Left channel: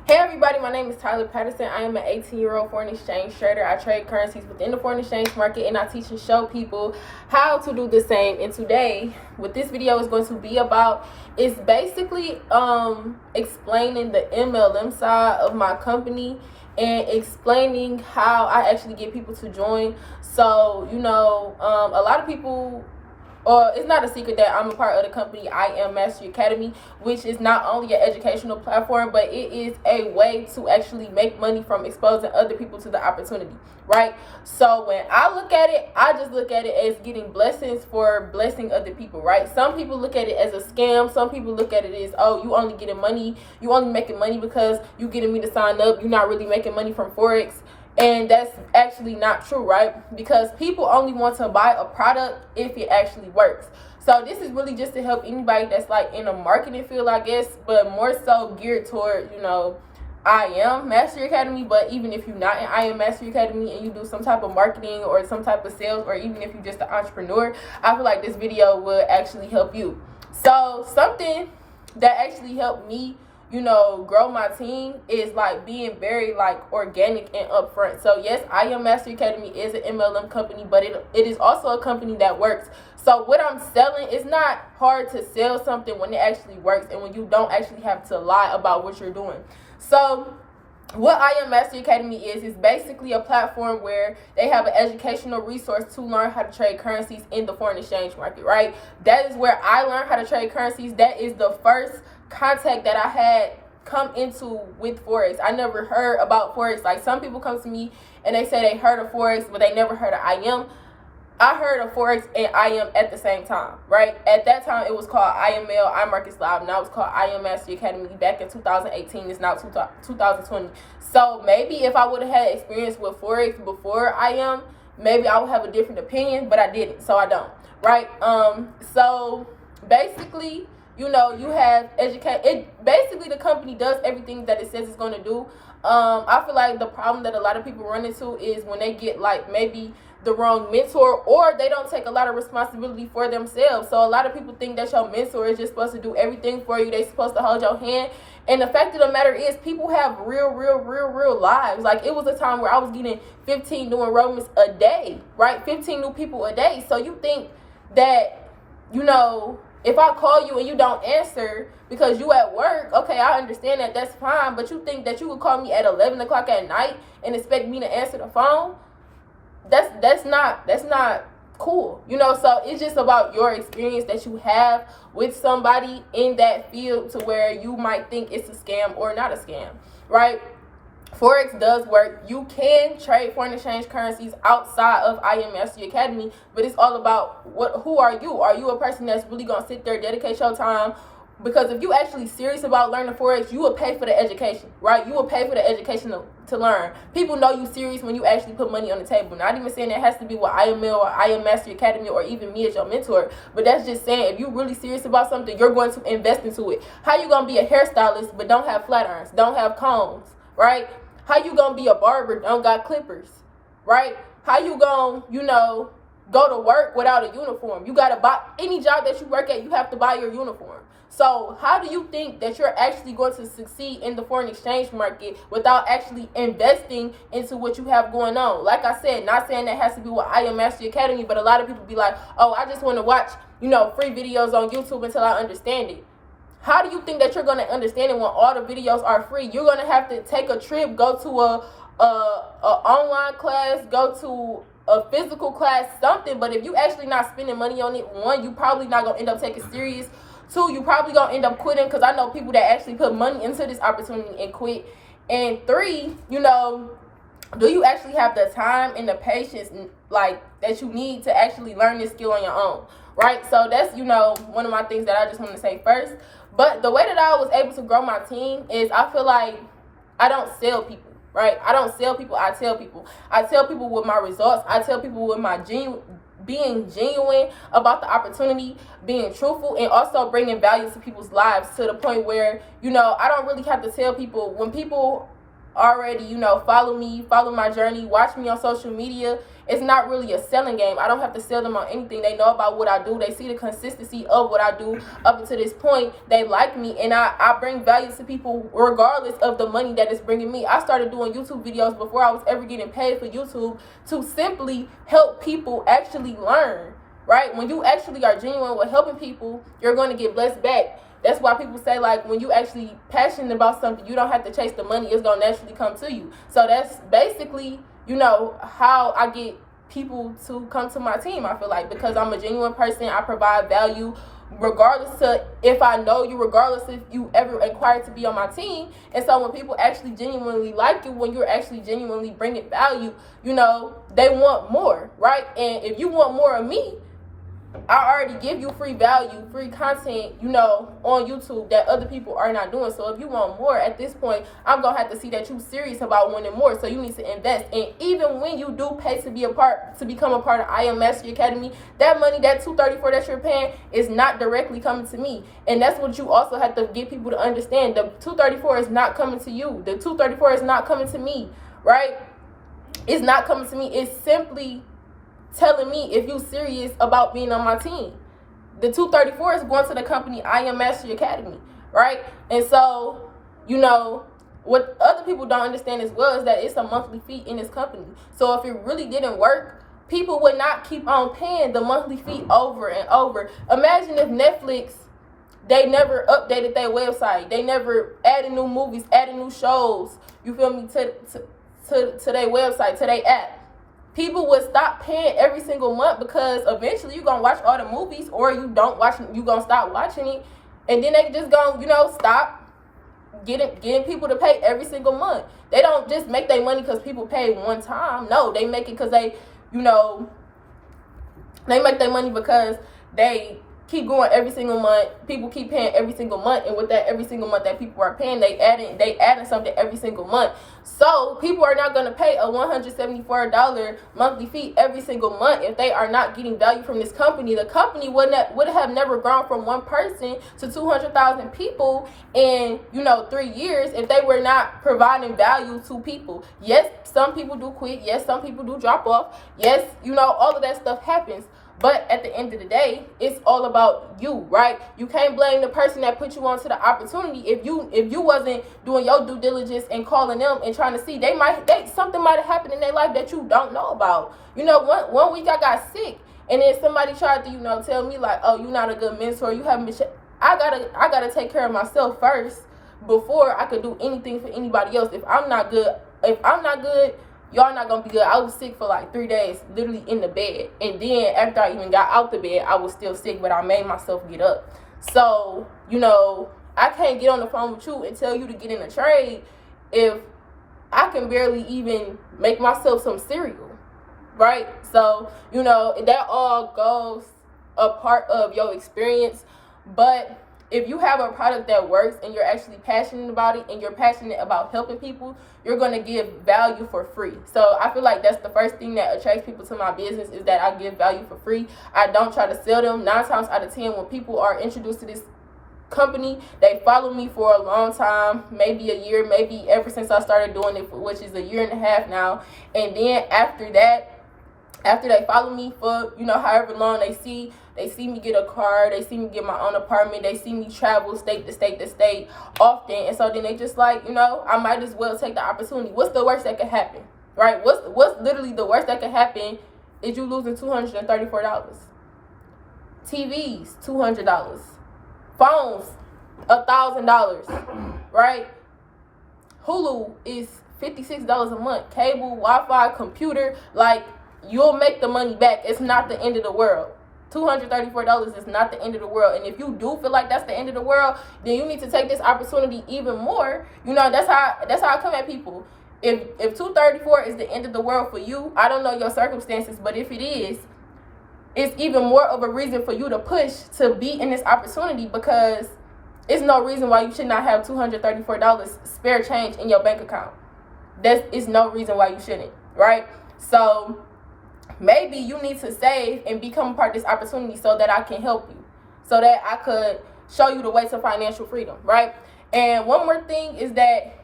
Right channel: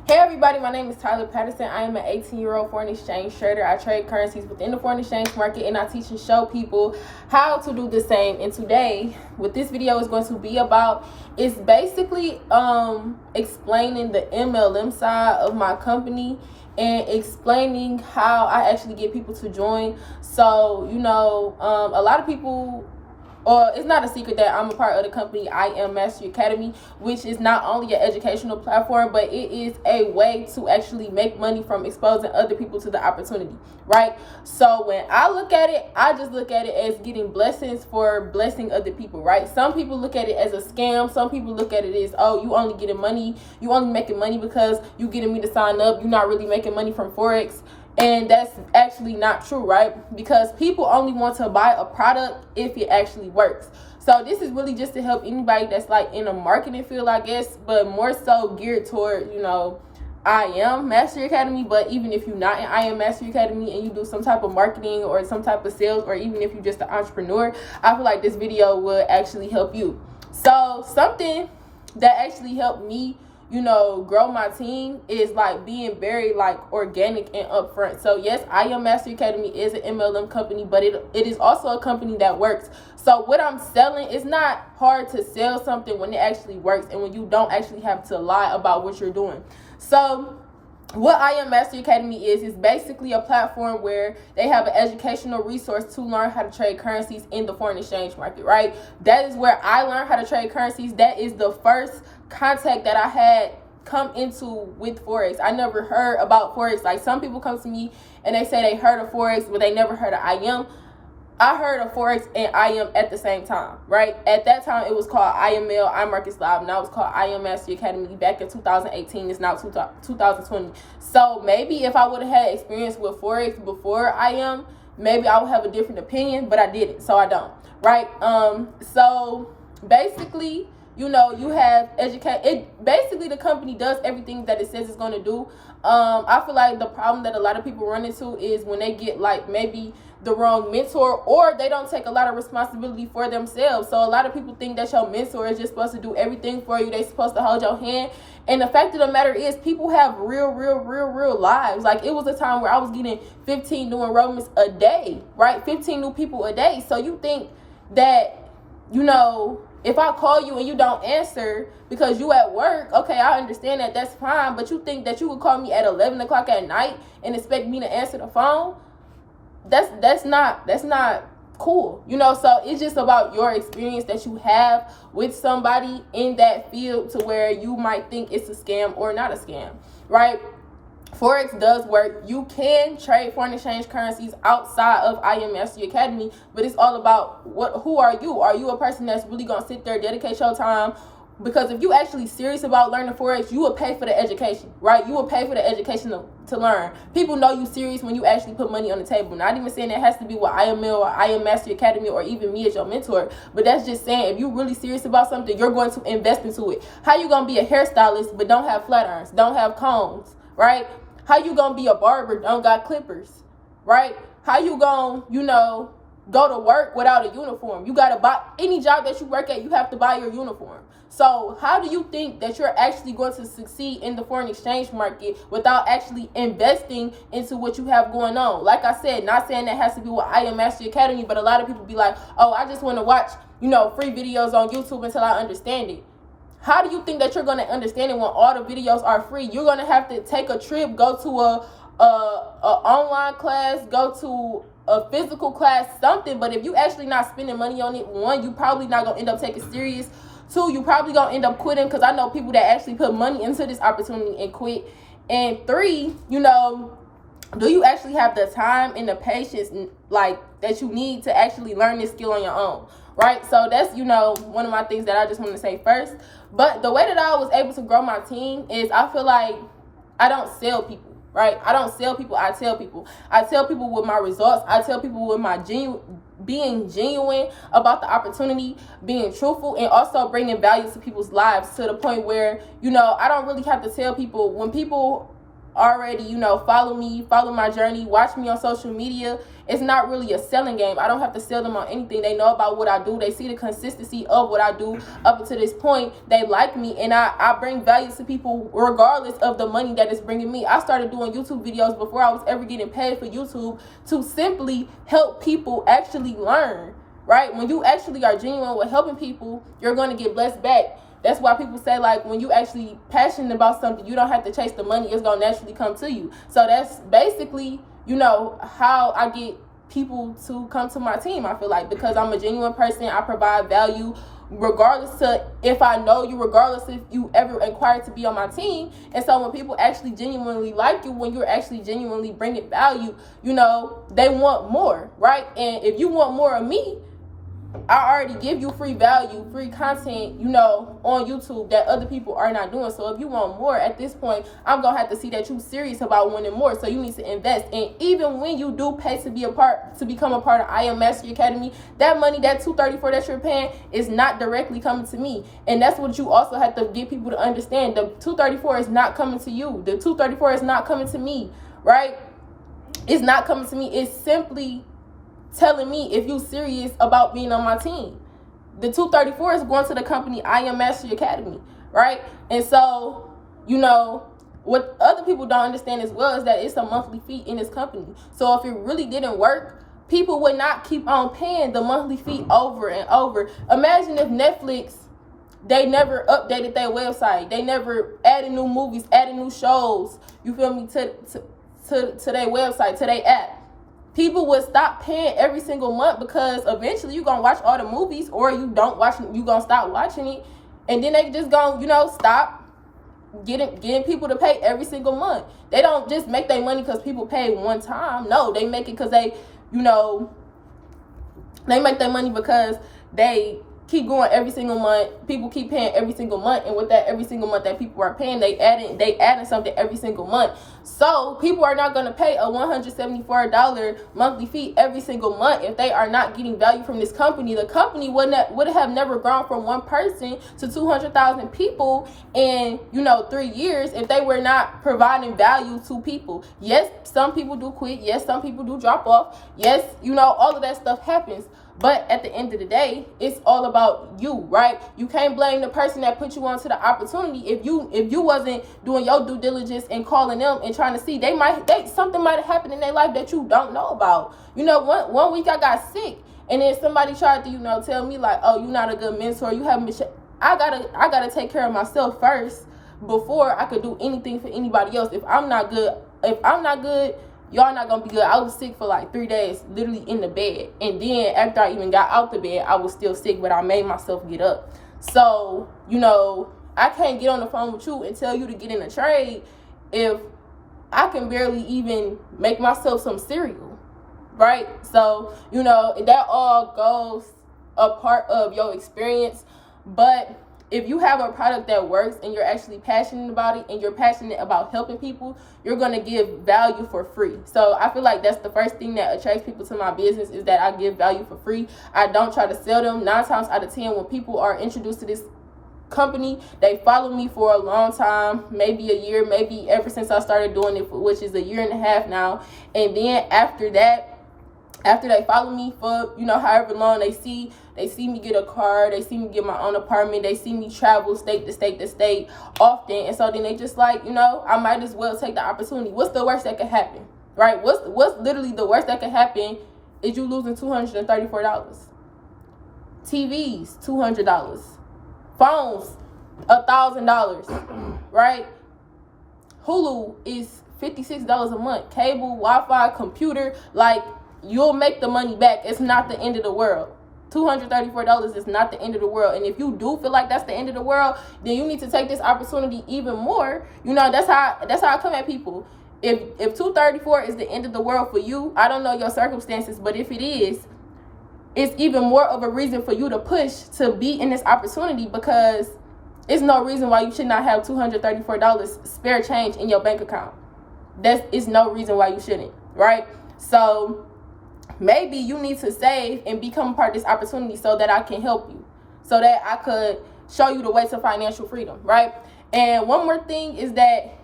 Hey everybody, my name is Tyler Patterson. I am an 18-year-old foreign exchange trader. I trade currencies within the foreign exchange market, and I teach and show people how to do the same. And today, what this video is going to be about is basically explaining the MLM side of my company and explaining how I actually get people to join. So, a lot of people, it's not a secret that I'm a part of the company I Am Mastery Academy, which is not only an educational platform, but it is a way to actually make money from exposing other people to the opportunity, right? So when I look at it, I just look at it as getting blessings for blessing other people, right? Some people look at it as a scam. Some people look at it as, oh, you only getting money. You only making money because you getting me to sign up. You're not really making money from Forex. And that's actually not true, right? Because people only want to buy a product if it actually works. So this is really just to help anybody that's like in a marketing field, I guess, but more so geared toward, I Am Mastery Academy. But even if you're not in I Am Mastery Academy and you do some type of marketing or some type of sales, or even if you're just an entrepreneur, I feel like this video will actually help you. So something that actually helped me grow my team is like being very like organic and upfront. So yes, I Am Mastery Academy is an MLM company, but it is also a company that works. So what I'm selling is not hard to sell something when it actually works and when you don't actually have to lie about what you're doing. So what I Am Mastery Academy is basically a platform where they have an educational resource to learn how to trade currencies in the foreign exchange market, right? That is where I learned how to trade currencies. That is the first contact that I had come into with Forex. I never heard about Forex. Like, some people come to me and they say they heard of Forex, but they never heard of I Am. I heard of Forex and I Am at the same time, right? At that time, it was called IML, iMarkets Live. Now it's called I Am Mastery Academy back in 2018. It's now 2020. So maybe if I would have had experience with Forex before I Am, maybe I would have a different opinion, but I didn't, so I don't, right? So basically, you have basically the company does everything that it says it's going to do. I feel like the problem that a lot of people run into is when they get like maybe the wrong mentor, or they don't take a lot of responsibility for themselves. So a lot of people think that your mentor is just supposed to do everything for you. They're supposed to hold your hand. And the fact of the matter is, people have real lives. Like, it was a time where I was getting 15 new enrollments a day, right? 15 new people a day. So you think that, if I call you and you don't answer because you at work, okay, I understand that, that's fine. But you think that you would call me at 11 o'clock at night and expect me to answer the phone? That's not cool. So it's just about your experience that you have with somebody in that field to where you might think it's a scam or not a scam, right? Forex does work. You can trade foreign exchange currencies outside of I Am Mastery Academy, but it's all about who are you? Are you a person that's really gonna sit there, dedicate your time? Because if you actually serious about learning Forex, you will pay for the education, right? You will pay for the education to learn. People know you serious when you actually put money on the table. Not even saying that has to be with IML or I Am Mastery Academy or even me as your mentor, but that's just saying if you're really serious about something, you're going to invest into it. How you gonna be a hairstylist but don't have flat irons, don't have combs, right? How you gonna be a barber, don't got clippers, right? How you gonna, go to work without a uniform? You gotta buy, any job that you work at, you have to buy your uniform. So how do you think that you're actually going to succeed in the foreign exchange market without actually investing into what you have going on? Like I said, not saying that has to be with I Am Mastery Academy, but a lot of people be like, oh, I just want to watch, free videos on YouTube until I understand it. How do you think that you're going to understand it when all the videos are free? You're going to have to take a trip, go to a online class, go to a physical class, something. But if you actually not spending money on it, one, you probably not going to end up taking it serious. Two, you probably going to end up quitting, because I know people that actually put money into this opportunity and quit. And three, do you actually have the time and the patience like that you need to actually learn this skill on your own, right? So that's, one of my things that I just want to say first. But the way that I was able to grow my team is I feel like I don't sell people, right? I don't sell people. I tell people. I tell people with my results. I tell people with my being genuine about the opportunity, being truthful, and also bringing value to people's lives to the point where, I don't really have to tell people. When people already, follow me, follow my journey, watch me on social media, it's not really a selling game. I don't have to sell them on anything. They know about what I do. They see the consistency of what I do up until this point. They like me, and I bring value to people regardless of the money that it's bringing me. I started doing YouTube videos before I was ever getting paid for YouTube to simply help people actually learn, right? When you actually are genuine with helping people, you're going to get blessed back. That's why people say, like, when you actually passionate about something, you don't have to chase the money. It's going to naturally come to you. So that's basically, you know, how I get people to come to my team, I feel like, because I'm a genuine person. I provide value regardless to if I know you, regardless if you ever inquired to be on my team. And so when people actually genuinely like you, when you're actually genuinely bringing value, you know, they want more, right? And if you want more of me, I already give you free value, free content, you know, on YouTube that other people are not doing. So if you want more at this point, I'm going to have to see that you're serious about wanting more. So you need to invest. And even when you do pay to become a part of I Am Mastery Academy, that money, that $234 that you're paying is not directly coming to me. And that's what you also have to get people to understand. The $234 is not coming to you. The $234 is not coming to me, right? It's not coming to me. It's simply telling me if you serious about being on my team. The $234 is going to the company I Am Mastery Academy, right? And so, you know, what other people don't understand as well is that it's a monthly fee in this company. So if it really didn't work, people would not keep on paying the monthly fee over and over. Imagine if Netflix, they never updated their website. They never added new movies, added new shows, you feel me, to their website, to their app. People would stop paying every single month because eventually you're going to watch all the movies, or you don't watch it, you're going to stop watching it. And then they just going to, you know, stop getting people to pay every single month. They don't just make their money because people pay one time. No, they make it because they, you know, they make their money because they keep going every single month. People keep paying every single month, and with that every single month that people are paying, they adding something every single month. So people are not going to pay a $174 monthly fee every single month if they are not getting value from this company. The company would have never grown from one person to 200,000 people in, you know, 3 years if they were not providing value to people. Yes, some people do quit. Yes, some people do drop off. Yes, you know, all of that stuff happens. But at the end of the day, it's all about you, right? You can't blame the person that put you onto the opportunity. If you wasn't doing your due diligence and calling them and trying to see, something might have happened in their life that you don't know about. You know, one week I got sick, and then somebody tried to, you know, tell me like, oh, you're not a good mentor. You haven't been. I gotta take care of myself first before I could do anything for anybody else. If I'm not good, y'all not gonna be good. I was sick for like 3 days, literally in the bed. And then after I even got out the bed, I was still sick, but I made myself get up. So, you know, I can't get on the phone with you and tell you to get in a trade if I can barely even make myself some cereal, right? So, you know, that all goes a part of your experience. But if you have a product that works and you're actually passionate about it and you're passionate about helping people, you're going to give value for free. So I feel like that's the first thing that attracts people to my business, is that I give value for free. I don't try to sell them. 9 times out of 10, when people are introduced to this company, they follow me for a long time, maybe a year, maybe ever since I started doing it, which is 1.5 years now. And then after they follow me for, you know, however long, they see me get a car, they see me get my own apartment, they see me travel state to state to state often, and so then they just like, you know, I might as well take the opportunity. What's the worst that could happen, right? What's literally the worst that could happen is you losing $234. TVs, $200. Phones, $1,000, right? Hulu is $56 a month. Cable, Wi-Fi, computer, like, you'll make the money back. It's not the end of the world. $234 is not the end of the world. And if you do feel like that's the end of the world, then you need to take this opportunity even more. You know, that's how I come at people. If $234 is the end of the world for you, I don't know your circumstances, but if it is, it's even more of a reason for you to push to be in this opportunity, because there's no reason why you should not have $234 spare change in your bank account. Is no reason why you shouldn't, right? So maybe you need to save and become a part of this opportunity so that I can help you, so that I could show you the way to financial freedom, right? And one more thing is that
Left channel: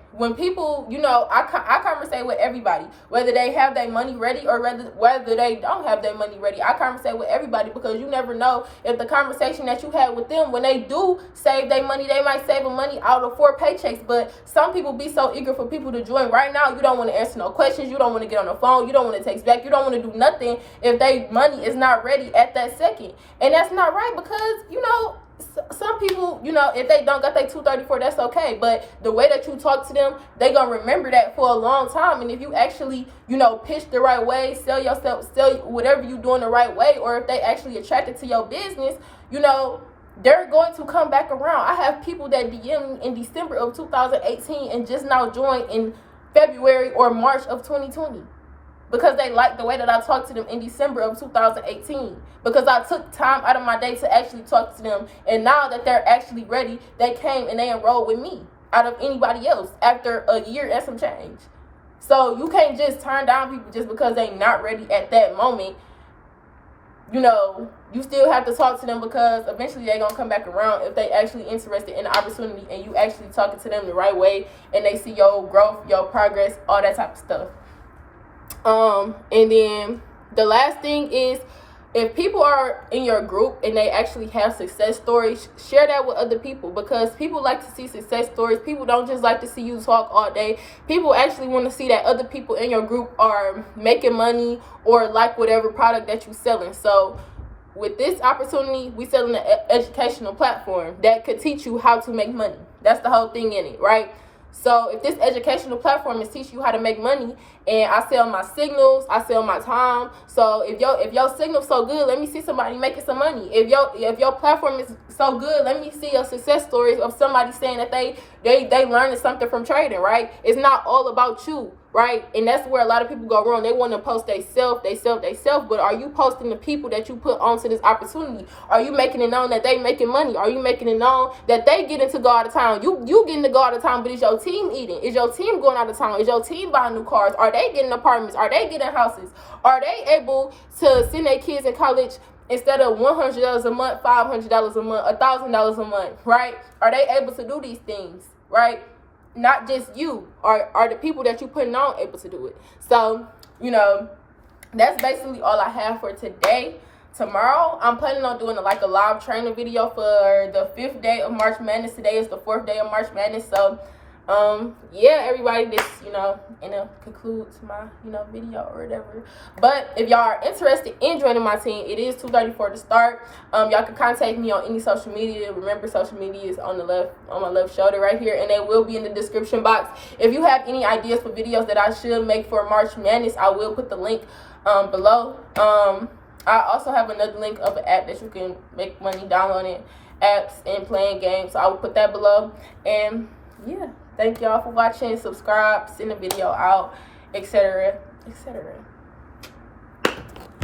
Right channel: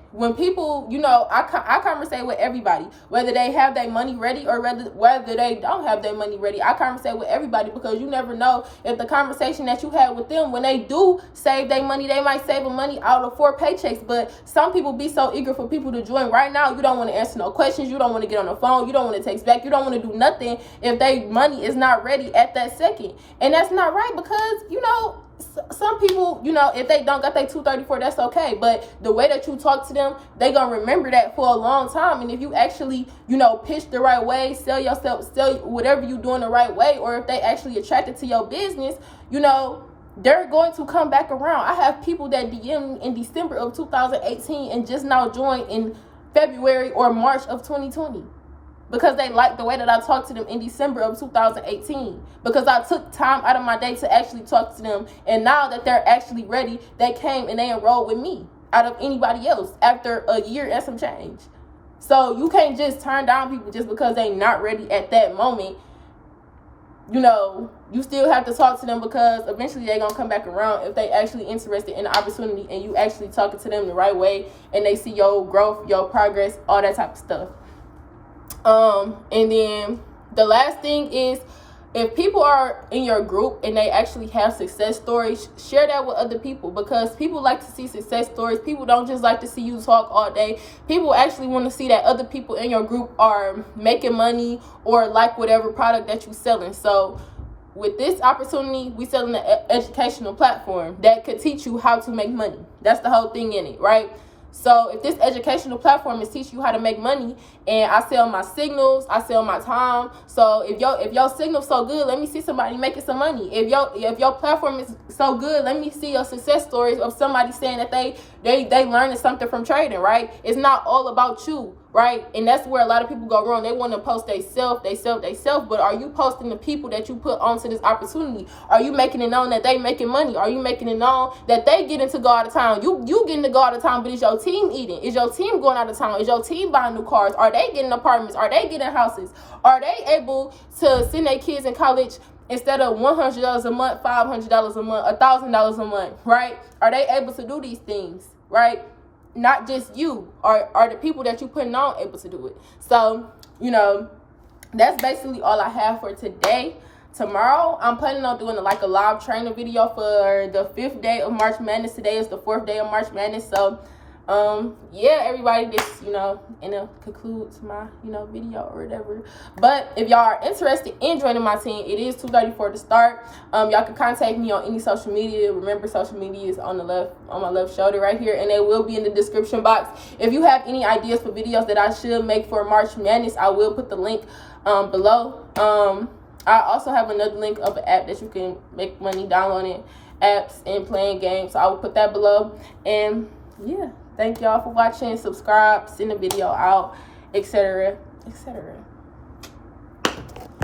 when people, you know, I conversate with everybody, whether they have their money ready or whether they don't have their money ready. I conversate with everybody because you never know if the conversation that you had with them, when they do save their money, they might save money out of 4 paychecks. But some people be so eager for people to join right now. You don't want to answer no questions. You don't want to get on the phone. You don't want to text back. You don't want to do nothing if their money is not ready at that second. And that's not right because, you know, some people, you know, if they don't got their 234, that's okay. But the way that you talk to them, they gonna remember that for a long time. And if you actually, you know, pitch the right way, sell yourself, sell whatever you doing the right way, or if they actually attracted to your business, you know, they're going to come back around. I have people that DM me in December of 2018 and just now joined in February or March of 2020. Because they like the way that I talked to them in December of 2018. Because I took time out of my day to actually talk to them. And now that they're actually ready, they came and they enrolled with me out of anybody else after a year and some change. So you can't just turn down people just because they're not ready at that moment. You know, you still have to talk to them because eventually they're going to come back around if they actually interested in the opportunity and you actually talking to them the right way and they see your growth, your progress, all that type of stuff. And then the last thing is, if people are in your group and they actually have success stories, share that with other people because people like to see success stories. People don't just like to see you talk all day. People actually want to see that other people in your group are making money or like whatever product that you're selling. So with this opportunity, we selling an educational platform that could teach you how to make money. That's the whole thing in it, right? So if this educational platform is teaching you how to make money, and I sell my signals, I sell my time. So if your signal's so good, let me see somebody making some money. If your platform is so good, let me see a success story of somebody saying that they learned something from trading, right? It's not all about you, right? And that's where a lot of people go wrong. They want to post they self, but are you posting the people that you put onto this opportunity? Are you making it known that they making money? Are you making it known that they getting to go out of town? You getting to go out of town, but is your team eating? Is your team going out of town? Is your team buying new cars? Are they getting apartments? Are they getting houses? Are they able to send their kids in college instead of $100 a month, $500 a month, $1,000 a month, right? Are they able to do these things, right? Not just you. Are the people that you putting on able to do it? So, you know, that's basically all I have for today. Tomorrow, I'm planning on doing a live training video for the 5th day of March Madness. Today is the 4th day of March Madness. So, yeah, everybody, this, you know, concludes my, you know, video or whatever. But if y'all are interested in joining my team, it is $234 to start. Y'all can contact me on any social media. Remember, social media is on my left shoulder right here, and they will be in the description box. If you have any ideas for videos that I should make for March Madness, I will put the link below. I also have another link of an app that you can make money downloading apps and playing games. So I will put that below. And yeah, thank y'all for watching. Subscribe, send the video out, etc., etc.